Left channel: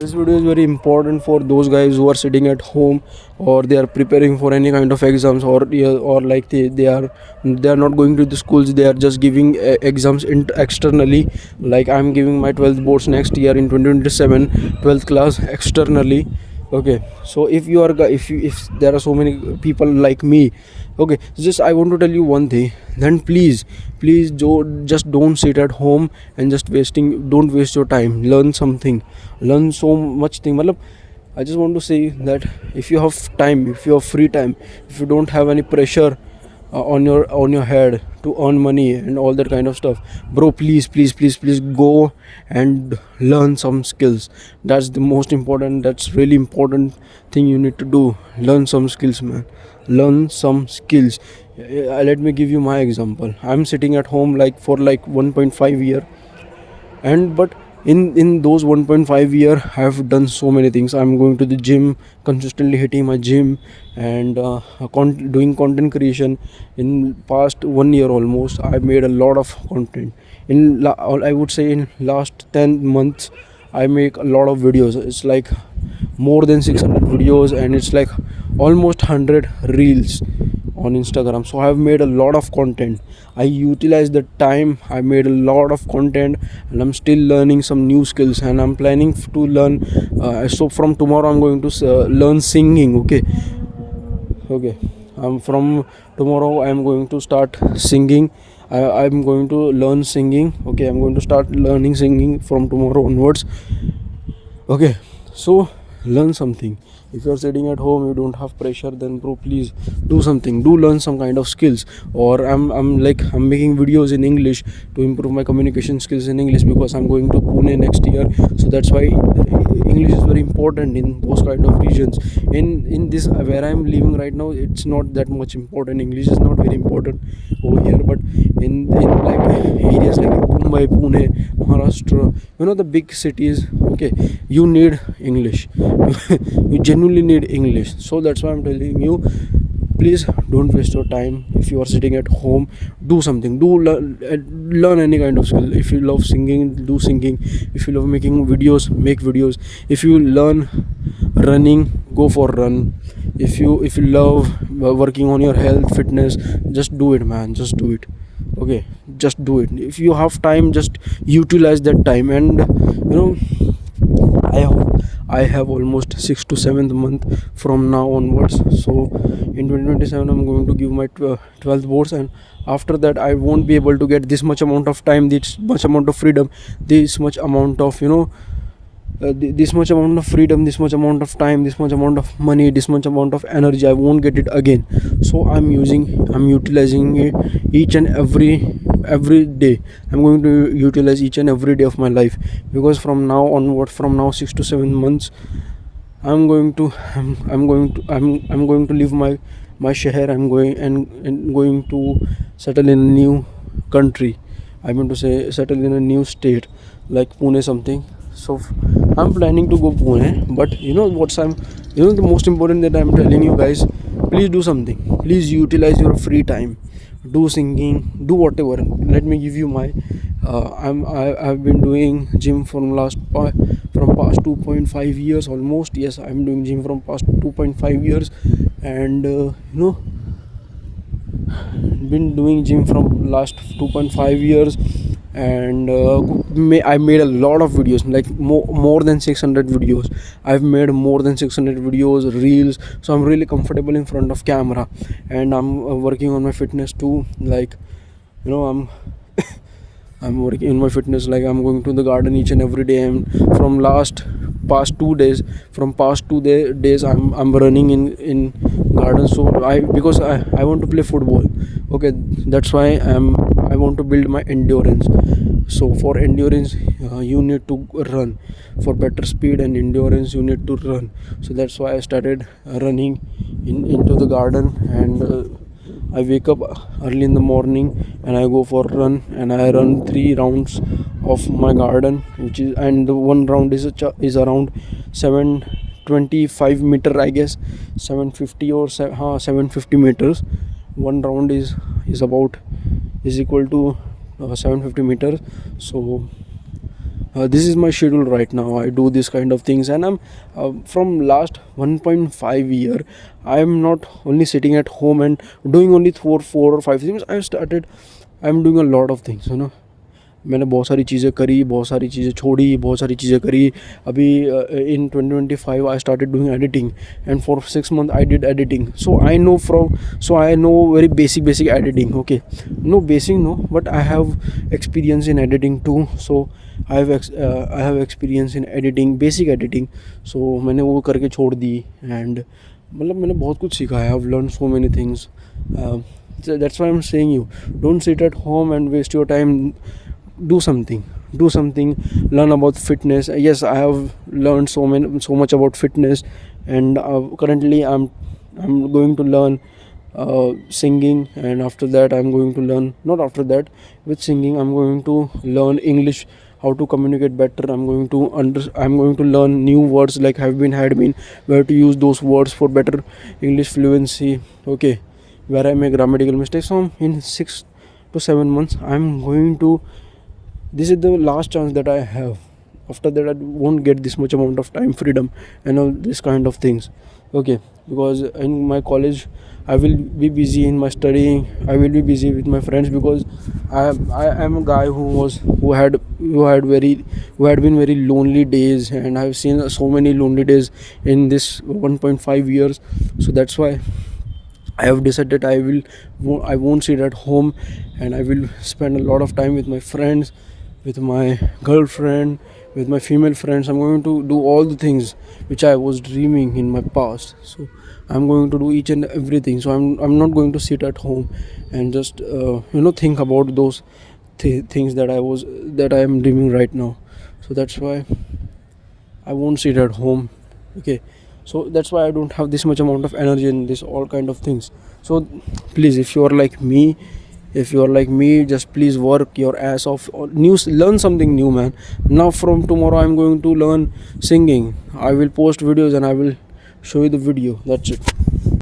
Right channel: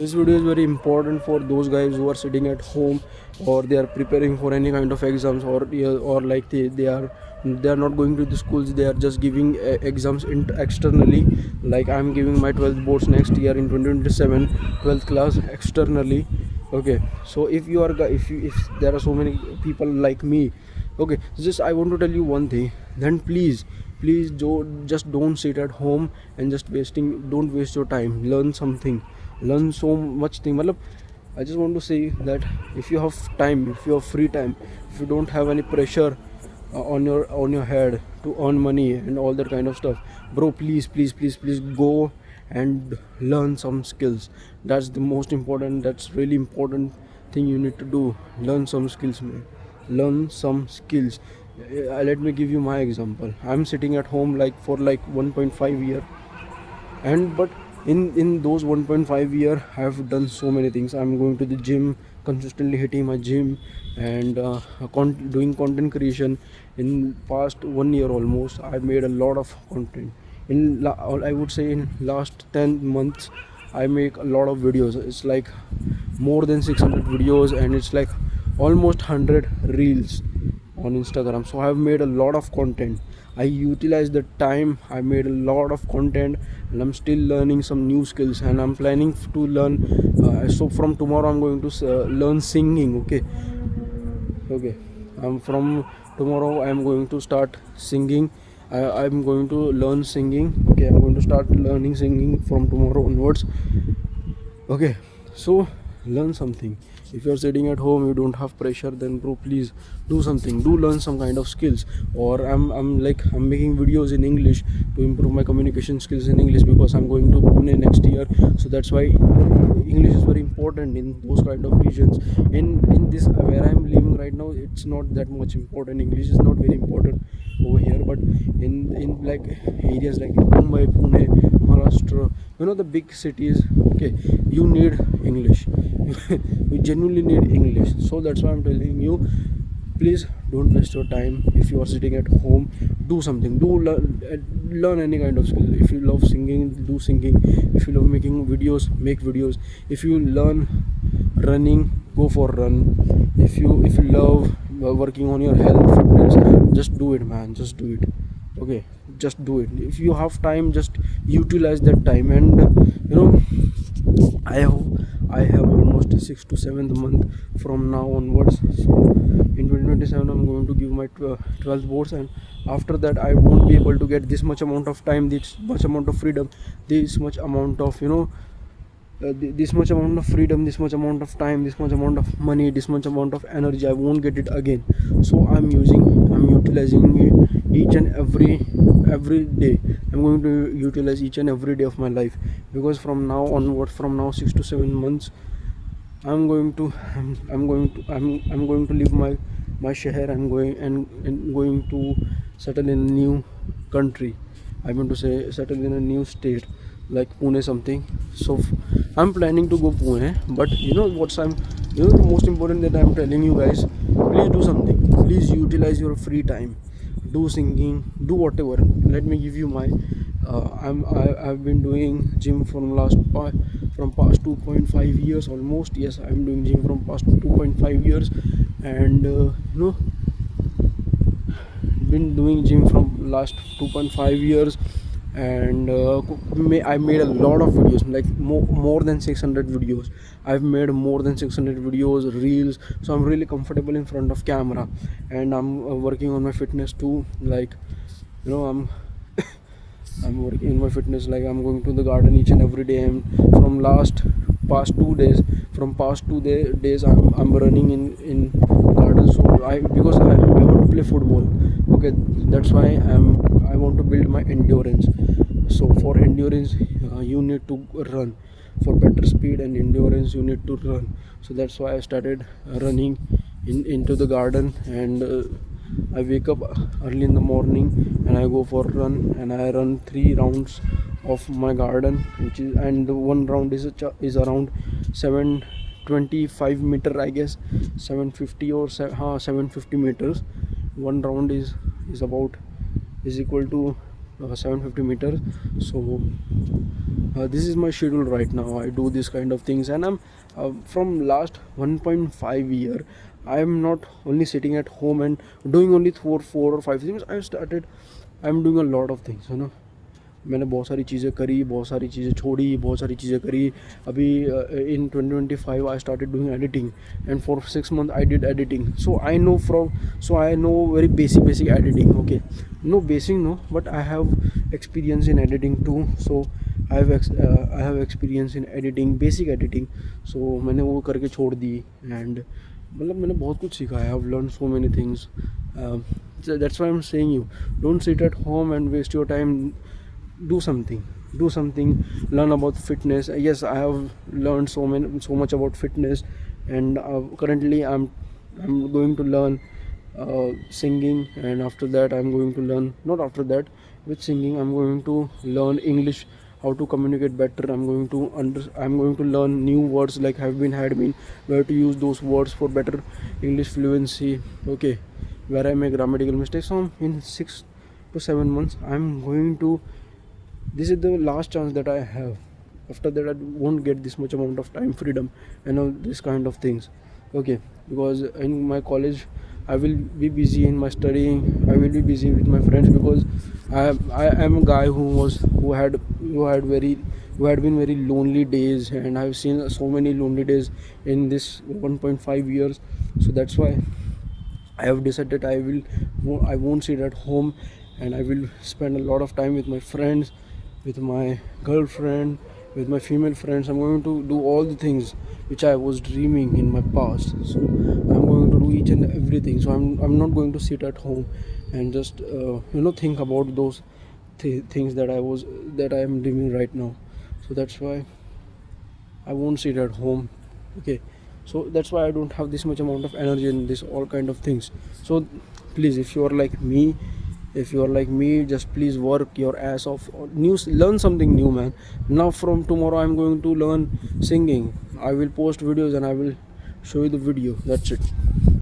This video is very important for those guys who are sitting at home, or they are preparing for any kind of exams, or yeah, or like they are not going to the schools. They are just giving exams externally. Like I'm giving my 12th boards next year in 2027, 12th class externally. Okay, so if there are so many people like me, okay, just I want to tell you one thing. Then please just don't sit at home and just don't waste your time. Learn something, learn so much thing. Matlab, I just want to say that if you have time, if you have free time, if you don't have any pressure on your head to earn money and all that kind of stuff, bro, please go and learn some skills. That's the most important, that's really important thing you need to do. Learn some skills, man. Learn some skills. Let me give you my example. I'm sitting at home like for like 1.5 year, and but in those 1.5 year I have done so many things. I'm going to the gym, consistently hitting my gym, and doing content creation. In past 1 year almost, I made a lot of content. I would say in last 10 months I make a lot of videos. It's like more than 600 videos, and it's like almost 100 reels on Instagram. So I've made a lot of content. I utilize the time. I made a lot of content, and I'm still learning some new skills, and I'm planning to learn. So from tomorrow I'm going to learn singing. Okay. From tomorrow I'm going to start singing. I'm going to learn singing. Okay, I'm going to start learning singing from tomorrow onwards. Okay, so learn something. If you're sitting at home, you don't have pressure, then bro, please do something. Do learn some kind of skills. Or I'm making videos in English to improve my communication skills in English, because I'm going to Pune next year. So that's why English is very important in those kind of regions. In this where I'm living right now, it's not that much important. English is not very important over here, but in like areas like Mumbai, Pune, Maharashtra, the big cities, okay, you need English. You genuinely need English. So that's why I'm telling you, please don't waste your time. If you are sitting at home, do something. Do learn any kind of skill. If you love singing, do singing. If you love making videos, make videos. If you learn running, go for run. If you love working on your health, fitness, just do it, man. Just do it. Okay, just do it. If you have time, just utilize that time. And I have almost 6 to 7th month from now onwards. So in 2027 I'm going to give my 12th boards, and after that I won't be able to get this much amount of time, this much amount of freedom, this much amount of this much amount of freedom, this much amount of time, this much amount of money, this much amount of energy. I won't get it again. So I'm utilizing it each and every day. I'm going to utilize each and every day of my life, because from now onward, from now 6 to 7 months, I'm going to leave my shahar. I'm going to settle in a new country. I mean to say, settle in a new state like Pune something. So I'm planning to go Pune, but the most important that I'm telling you guys, please do something. Please utilize your free time. Do singing, do whatever. Let me give you my I've been doing gym from past 2.5 years almost. Yes, I'm doing gym from past 2.5 years, and been doing gym from last 2.5 years. And I made a lot of videos, like more than 600 videos. I've made more than 600 videos, reels. So I'm really comfortable in front of camera, and I'm working on my fitness too. Like I'm working in my fitness. Like I'm going to the garden each and every day, and from past 2 days, days I'm running in garden. So I want to play football. Okay, that's why I want to build my endurance. So for endurance, you need to run. For better speed and endurance, you need to run. So that's why I started running into the garden. And I wake up early in the morning, and I go for a run, and I run 3 rounds of my garden, and the one round is around 725 meter, I guess. 750 or 750 meters. One round is equal to 750 meters. So This is my schedule right now. I do this kind of things, and I'm from last 1.5 year. I'm not only sitting at home and doing only four or five things. I'm doing a lot of things, you know. मैंने बहुत सारी चीज़ें करी, बहुत सारी चीज़ें छोड़ी, बहुत सारी चीज़ें करी. अभी in 2025 I started doing editing, and for 6 months I did editing. So I know very basic editing. Okay, no basic no, but I have experience in editing too. So I have experience in editing, basic editing. So मैंने वो करके छोड़ दी, and मतलब मैंने बहुत कुछ सीखा है. I've learned so many things. So that's why I'm saying you don't sit at home and waste your time. Do something, learn about fitness. Yes, I have learned so much about fitness, and currently I'm going to learn singing, and after that I'm going to learn, not after that, with singing I'm going to learn English, how to communicate better. I'm going to learn new words like have been, had been, where to use those words for better English fluency. Okay, where I make grammatical mistakes. So in 6 to 7 months I'm going to, this is the last chance that I have. After that I won't get this much amount of time freedom and all this kind of things. Okay, because in my college I will be busy in my studying, I will be busy with my friends, because I am a guy who had been very lonely days, and I have seen so many lonely days in this 1.5 years. So that's why I have decided I won't sit at home, and I will spend a lot of time with my friends, with my girlfriend, with my female friends. I'm going to do all the things which I was dreaming in my past. So I'm going to do each and everything. So I'm not going to sit at home and just think about those things that I am dreaming right now. So that's why I won't sit at home. Okay, so that's why I don't have this much amount of energy in this all kind of things. So please, if you are like me, just please work your ass off, or learn something new, man. Now from tomorrow I'm going to learn singing. I will post videos and I will show you the video. That's it.